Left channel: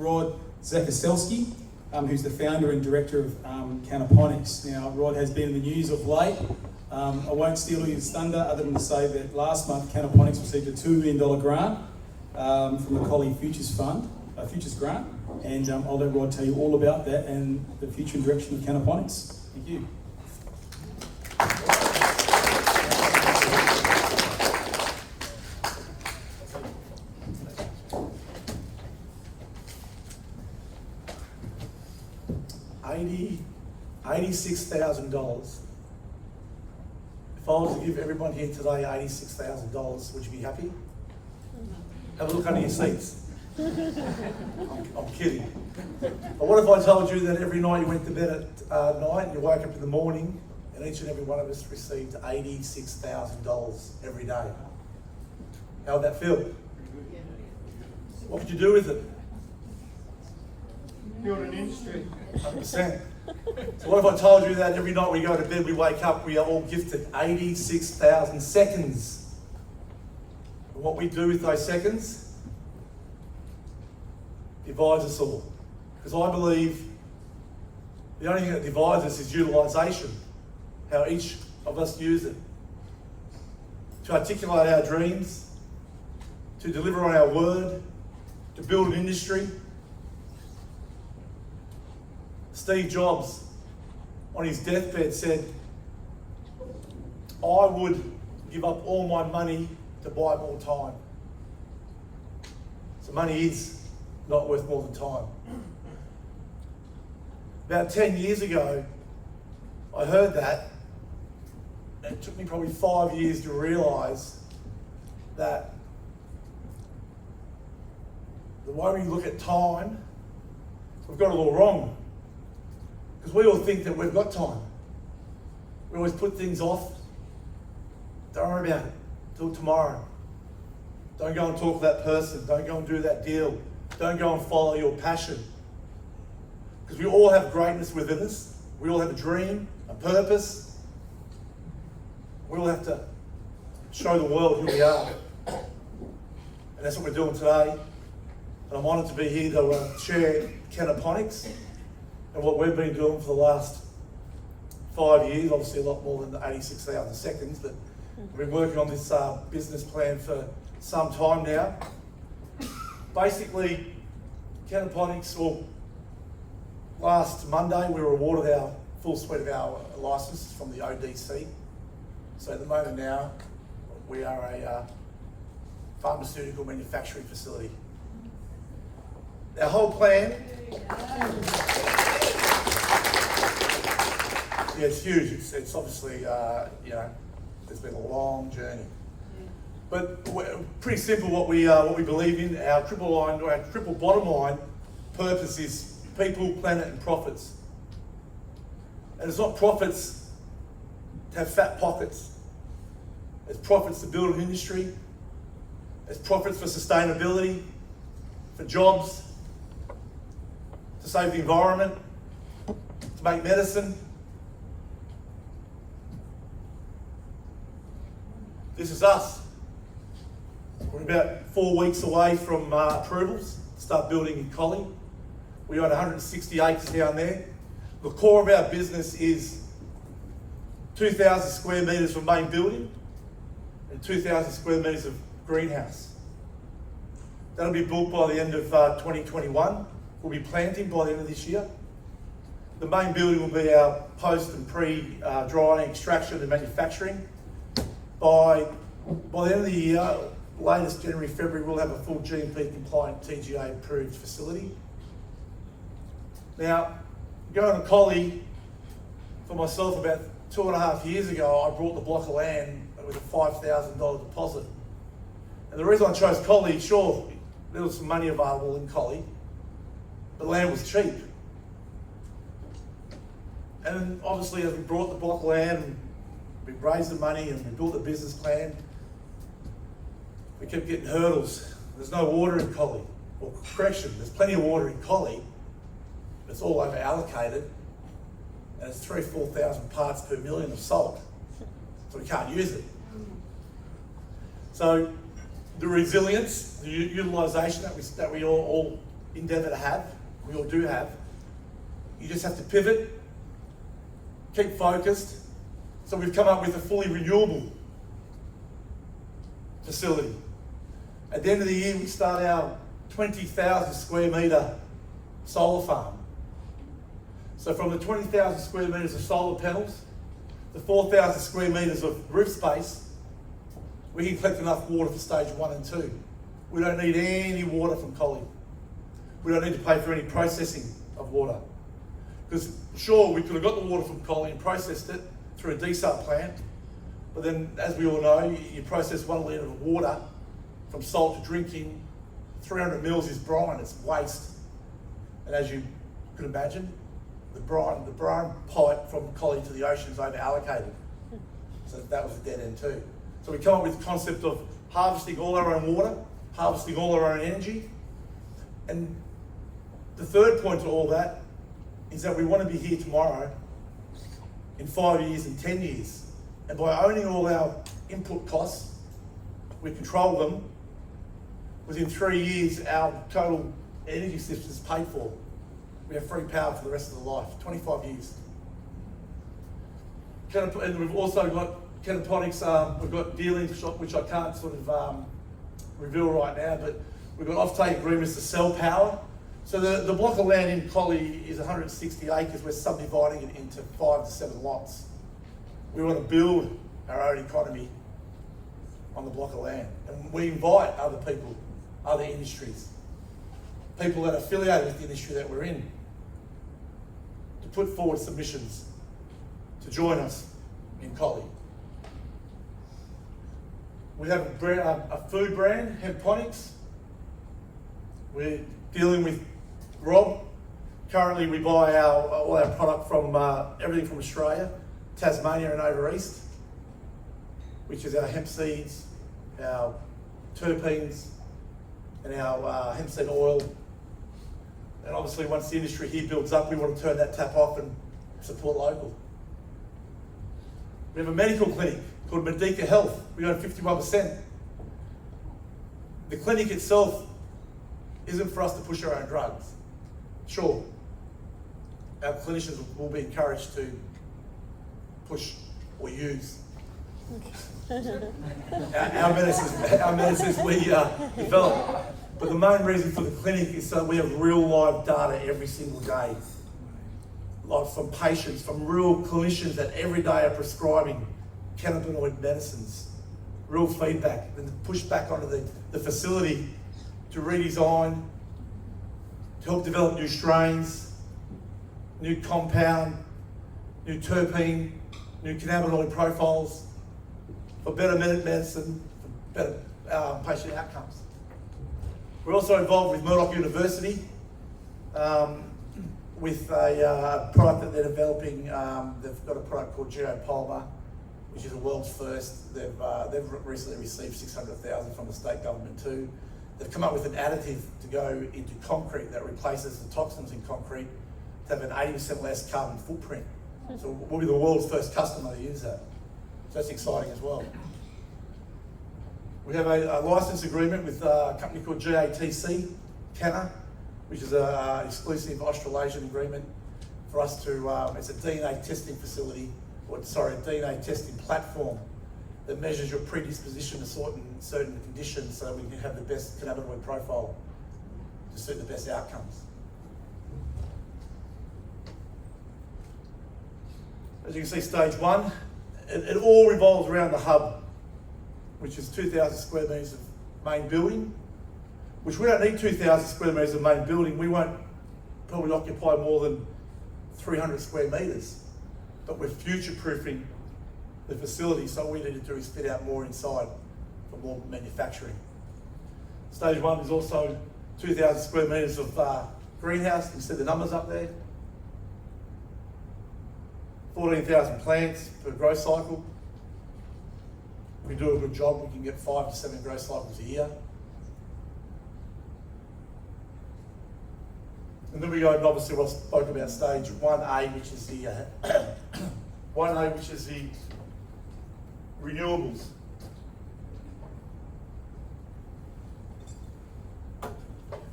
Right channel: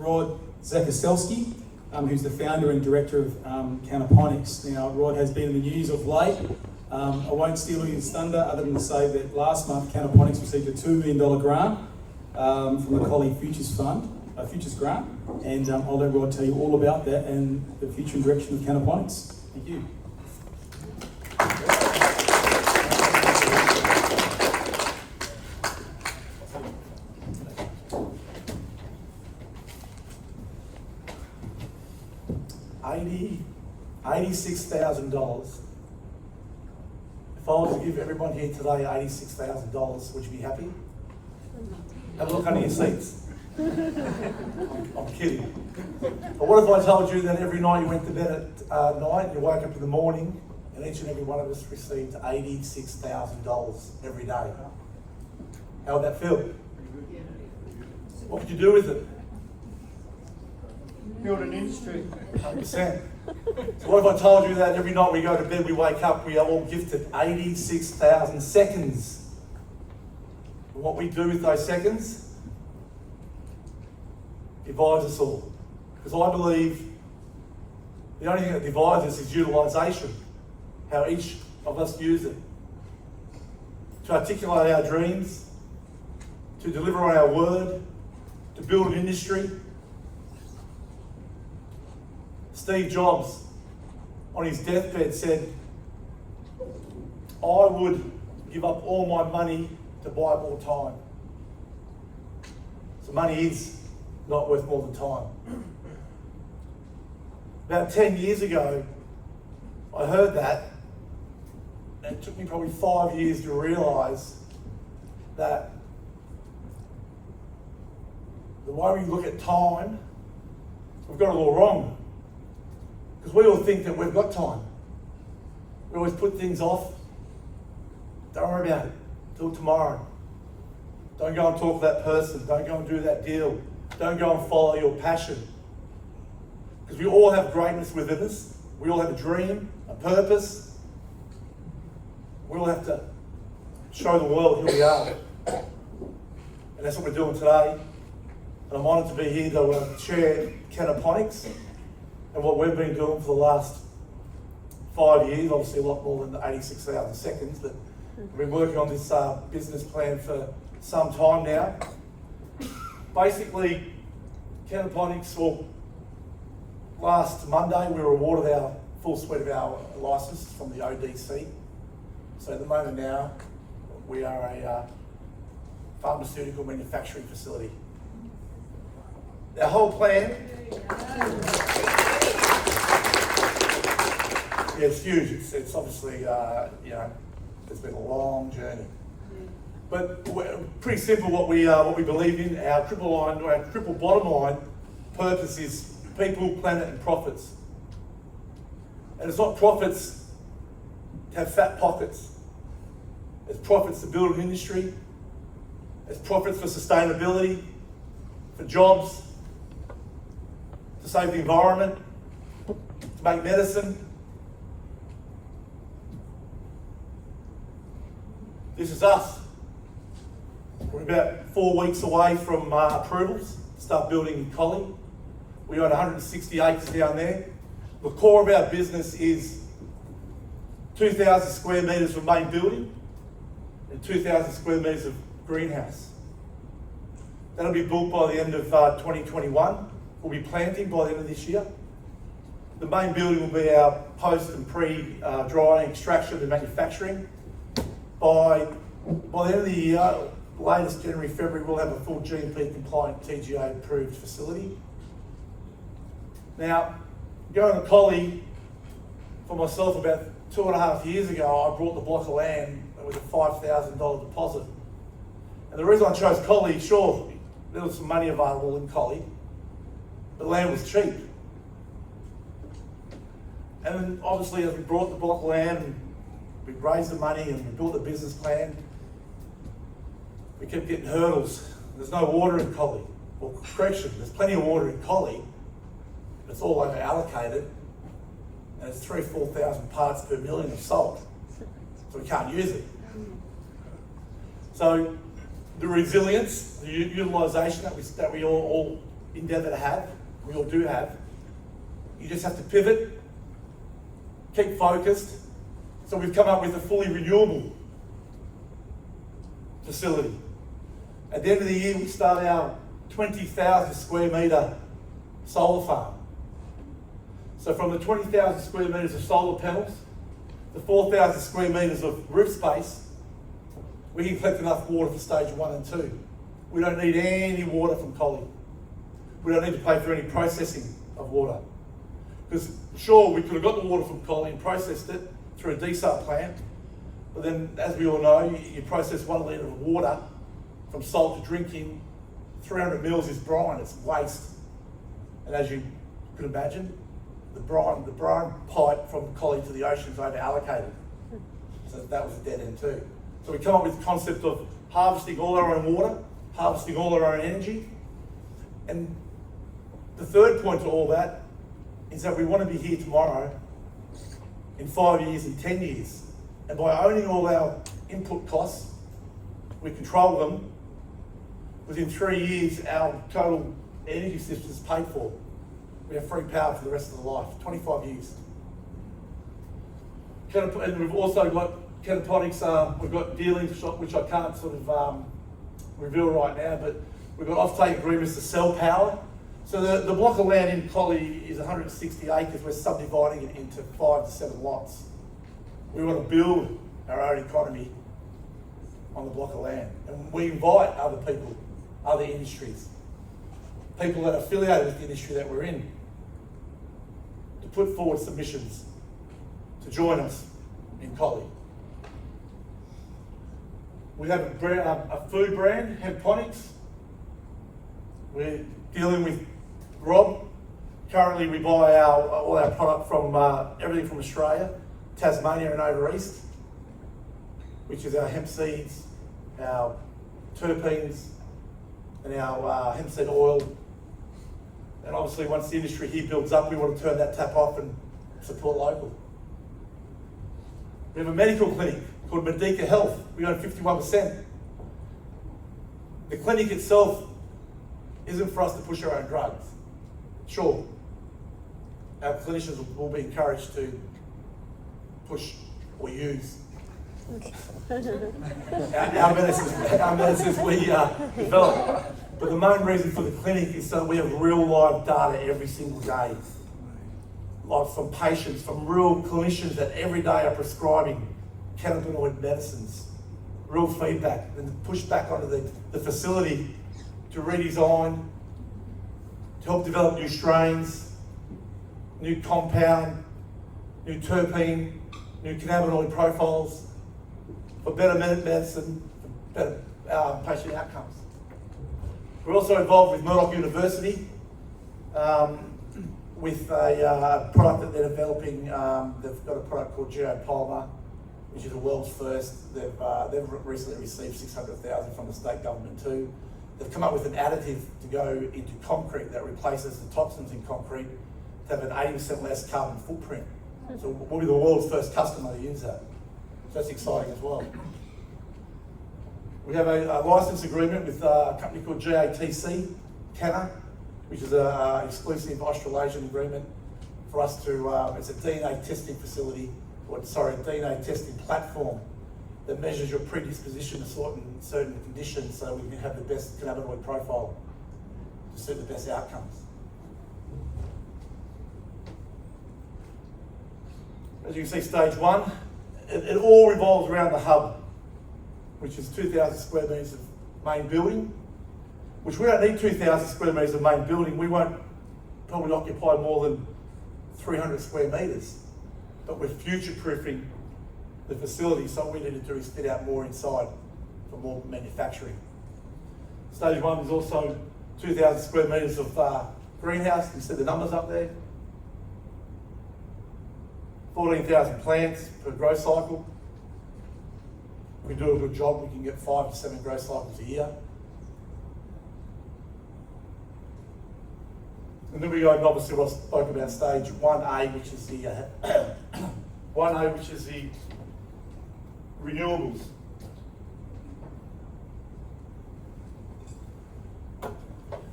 Rod Zakotelesky, who's the founder and director of Cannabis. Now, Rod has been in the news of late. I won't steal his thunder other than to say that last month Cannabis received a $2 million grant from the Collie Futures Fund, Futures Grant, and I'll let Rod tell you all about that and the future and direction of Cannabis. Thank you. $86,000. If I was to give everyone here today $86,000, would you be happy? Have a look under your seats. I'm kidding. But what if I told you that every night you went to bed at night, you woke up in the morning, and each and every one of us received $86,000 every day? How would that feel? What would you do with it? Build an industry. 100%. So what if I told you that every night we go to bed, we wake up, we are all gifted 86,000 seconds. And what we do with those seconds divides us all. Because I believe the only thing that divides us is utilisation, how each of us use it. To articulate our dreams, to deliver on our word, to build an industry. Steve Jobs, on his deathbed, said, I would give up all my money to buy more time. So money is not worth more than time. About 10 years ago, I heard that, and it took me probably 5 years to realise that the way we look at time, we've got it all wrong. Because we all think that we've got time. We always put things off. Don't worry about it. Till tomorrow. Don't go and talk to that person. Don't go and do that deal. Don't go and follow your passion. Because we all have greatness within us. We all have a dream, a purpose. We all have to show the world who we are. And that's what we're doing today. And I'm honoured to be here to share Cannabis and what we've been doing for the last 5 years, obviously a lot more than the 86,000 seconds, but we've been working on this business plan for some time now. Basically, Cannabis, well, last Monday we were awarded our full suite of our licenses from the ODC. So at the moment now, we are a pharmaceutical manufacturing facility. Our whole plan, yeah, it's huge. It's obviously, it's been a long journey. But pretty simple what we believe in. Our triple bottom line purpose is people, planet, and profits. And it's not profits to have fat pockets. It's profits to build an industry. It's profits for sustainability, for jobs, to save the environment, to make medicine. This is us. We're about 4 weeks away from approvals to start building in Collie. We own 160 acres down there. The core of our business is 2,000 square metres of main building and 2,000 square metres of greenhouse. That'll be built by the end of 2021. We'll be planting by the end of this year. The main building will be our post and pre-drying, extraction and manufacturing. By the end of the year, latest January, February, we'll have a full GMP compliant TGA approved facility. Now, going to Collie, for myself about 2.5 years ago, I bought the block of land with a $5,000 deposit. And the reason I chose Collie, sure, there was some money available in Collie, but land was cheap. And then obviously as we brought the block of land, and we raised the money and we built the business plan, we kept getting hurdles. There's no water in Collie. Well, correction, there's plenty of water in Collie, but it's all over allocated, and it's 3,000-4,000 parts per million of salt, so we can't use it. So the resilience, the utilisation that we all endeavour to have, we all do have. You just have to pivot, keep focused. So we've come up with a fully renewable facility. At the end of the year, we start our 20,000 square metre solar farm. So from the 20,000 square metres of solar panels, the 4,000 square metres of roof space, we can collect enough water for stage 1 and 2. We don't need any water from Collie. We don't need to pay for any processing of water. Because sure, we could have got the water from Collie and processed it through a desal plant, but then, as we all know, you process 1 litre of water from salt to drinking, 300 mils is brine, it's waste. And as you could imagine, the brine pipe from Collie to the ocean is over allocated. So that was a dead end too. So we come up with the concept of harvesting all our own water, harvesting all our own energy. And the third point to all that is that we want to be here tomorrow, in 5 years and 10 years. And by owning all our input costs, we control them. Within 3 years, our total energy system is paid for. We have free power for the rest of the life, 25 years. And we've also got Canaponics, we've got dealings, which I can't sort of reveal right now, but we've got off-take agreements to sell power. So the block of land in Collie is 160 acres. We're subdividing it into 5 to 7 lots. We want to build our own economy on the block of land. And we invite other people, other industries, people that are affiliated with the industry that we're in, to put forward submissions to join us in Collie. We have a food brand, Hemponics. We're dealing with Rob. Currently, we buy all our product from everything from Australia, Tasmania and over east, which is our hemp seeds, our terpenes, and our hemp seed oil. And obviously, once the industry here builds up, we want to turn that tap off and support local. We have a medical clinic called Medica Health. We own 51%. The clinic itself isn't for us to push our own drugs. Sure, our clinicians will be encouraged to push or use our medicines we develop. But the main reason for the clinic is so we have real live data every single day. Like from patients, from real clinicians that every day are prescribing cannabinoid medicines. Real feedback, and push back onto the facility to redesign, to help develop new strains, new compound, new terpene, new cannabinoid profiles, for better medicine, for better patient outcomes. We're also involved with Murdoch University with a product that they're developing. They've got a product called Geopolymer, which is the world's first. They've recently received $600,000 from the state government too. They've come up with an additive to go into concrete that replaces the toxins in concrete to have an 80% less carbon footprint. So we'll be the world's first customer to use that. So that's exciting as well. We have a license agreement with a company called GATC, Canna, which is an exclusive Australasian agreement for us to, it's a DNA testing facility, DNA testing platform that measures your predisposition to certain conditions so we can have the best cannabinoid profile to suit the best outcomes. As you can see, stage 1, it all revolves around the hub, which is 2,000 square metres of main building, which we don't need 2,000 square metres of main building. We won't probably occupy more than 300 square metres, but we're future-proofing the facility, so all we need to do is fit out more inside for more manufacturing. Stage 1 is also 2,000 square metres of greenhouse. You can see the numbers up there. 14,000 plants per growth cycle. If we do a good job, we can get 5 to 7 growth cycles a year. And then we go, and obviously what I spoke about stage 1A, which is the 1A, which is the renewables.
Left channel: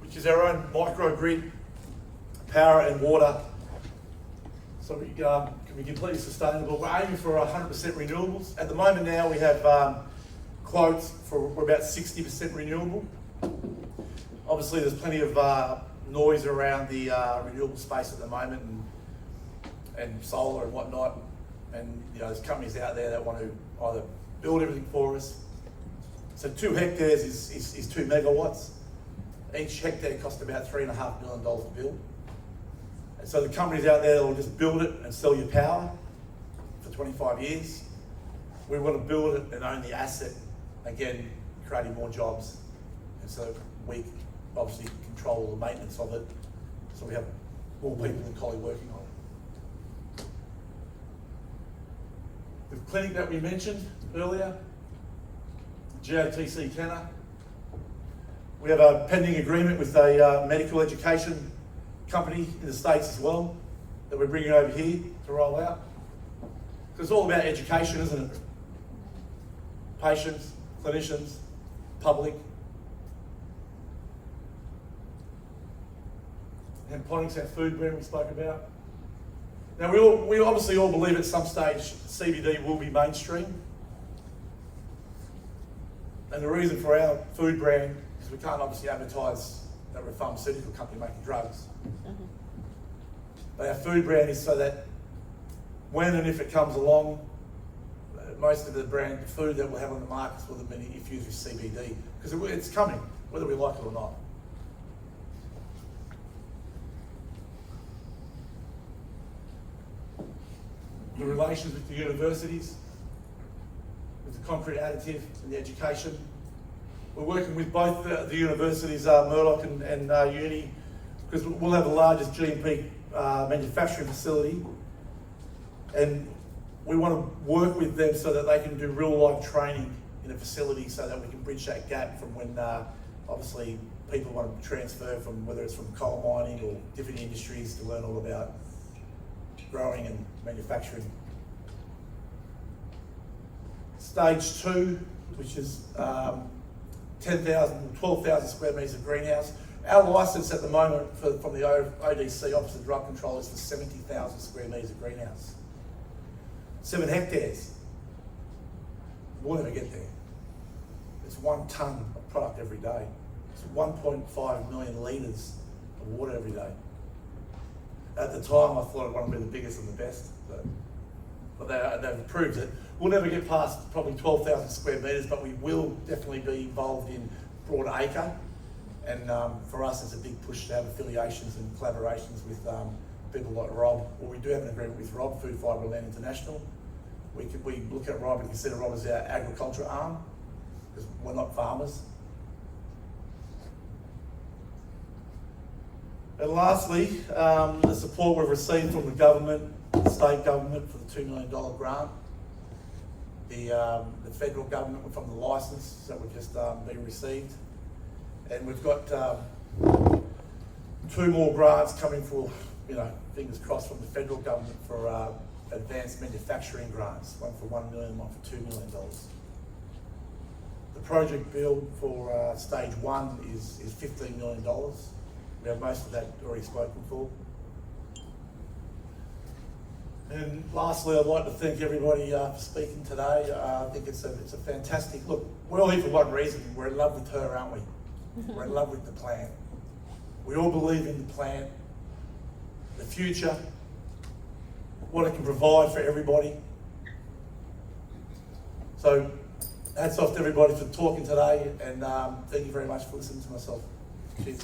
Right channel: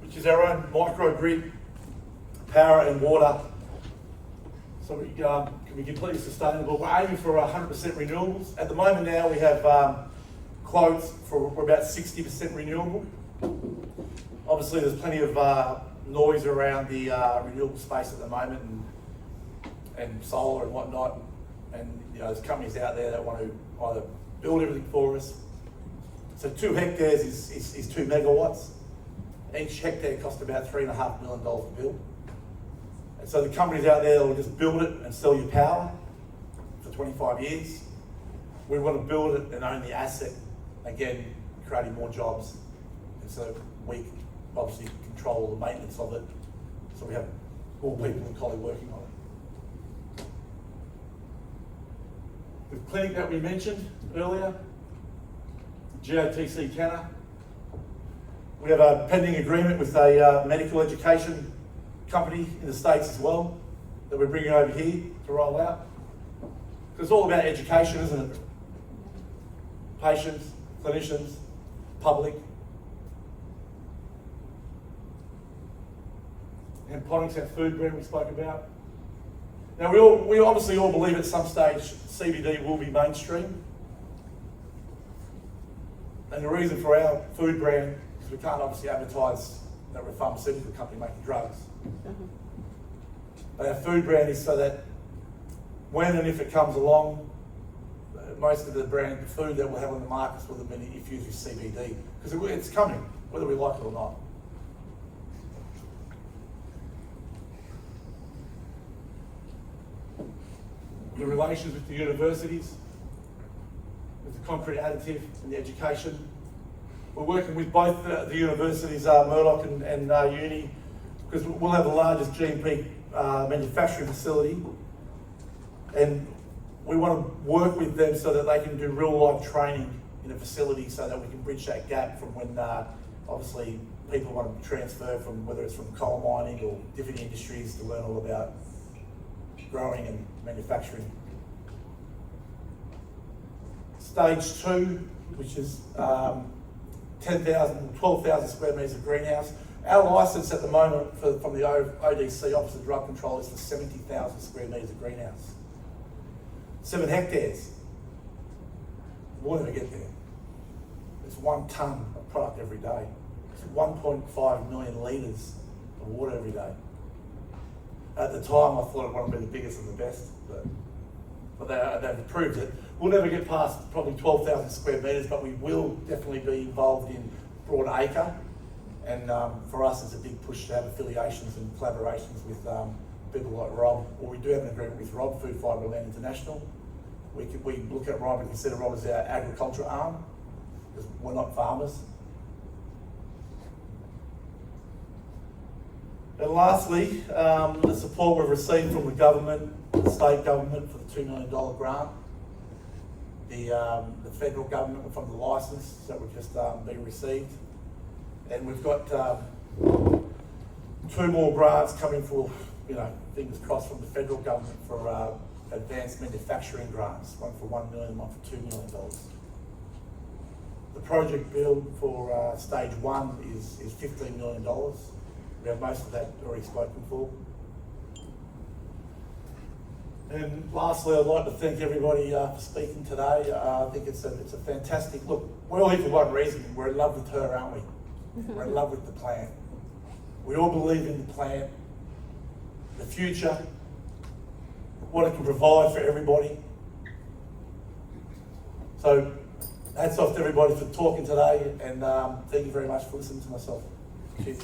Which is our own microgrid, power and water. So we can be completely sustainable. We're aiming for 100% renewables. At the moment now we have quotes we're about 60% renewable. Obviously there's plenty of noise around the renewable space at the moment and solar and whatnot. And there's companies out there that want to either build everything for us. So 2 hectares is 2 megawatts. Each hectare costs about $3.5 million to build. And so the companies out there will just build it and sell you power for 25 years. We want to build it and own the asset, again, creating more jobs. And so we obviously control the maintenance of it. So we have more people in Collie working on it. The clinic that we mentioned earlier, GOTC Canna, we have a pending agreement with a medical education company in the States as well that we're bringing over here to roll out. Because it's all about education, isn't it? Patients, clinicians, public. And Ponix, our food brand we spoke about. Now we obviously all believe at some stage CBD will be mainstream. And the reason for our food brand is we can't obviously advertise that we're a pharmaceutical company making drugs. But our food brand is so that when and if it comes along, most of the food that we'll have on the markets will have been infused with CBD, because it's coming, whether we like it or not. The relations with the universities, with the concrete additive and the education. We're working with both the universities, Murdoch and Uni, because we'll have the largest GMP manufacturing facility, and we want to work with them so that they can do real life training in a facility so that we can bridge that gap from when obviously people want to transfer from, whether it's from coal mining or different industries, to learn all about growing and manufacturing. Stage 2, which is 12,000 square metres of greenhouse. Our licence at the moment from the ODC, Office of Drug Control, is for 70,000 square metres of greenhouse. 7 hectares. We'll never get there. It's 1 tonne of product every day. It's 1.5 million litres of water every day. At the time, I thought it wanted to be the biggest and the best, but they've improved it. We'll never get past probably 12,000 square metres, but we will definitely be involved in broad acre. And for us, it's a big push to have affiliations and collaborations with people like Rob, or we do have an agreement with Rob, Food Fibre Land International. We look at Rob and consider Rob as our agriculture arm, because we're not farmers. And lastly, the support we've received from the government, the state government, for the $2 million grant, the federal government from the licence that we've just been received, and we've got 2 more grants coming for, fingers crossed, from the federal government for advanced manufacturing grants, one for $1 million, one for $2 million. The project build for stage 1 is $15 million. We have most of that already spoken for. And lastly, I'd like to thank everybody for speaking today. I think it's a fantastic, look, we're all here for one reason. We're in love with her, aren't we? We're in love with the plant. We all believe in the plant, the future, what it can provide for everybody. So hats off to everybody for talking today, and thank you very much for listening to myself. Cheers.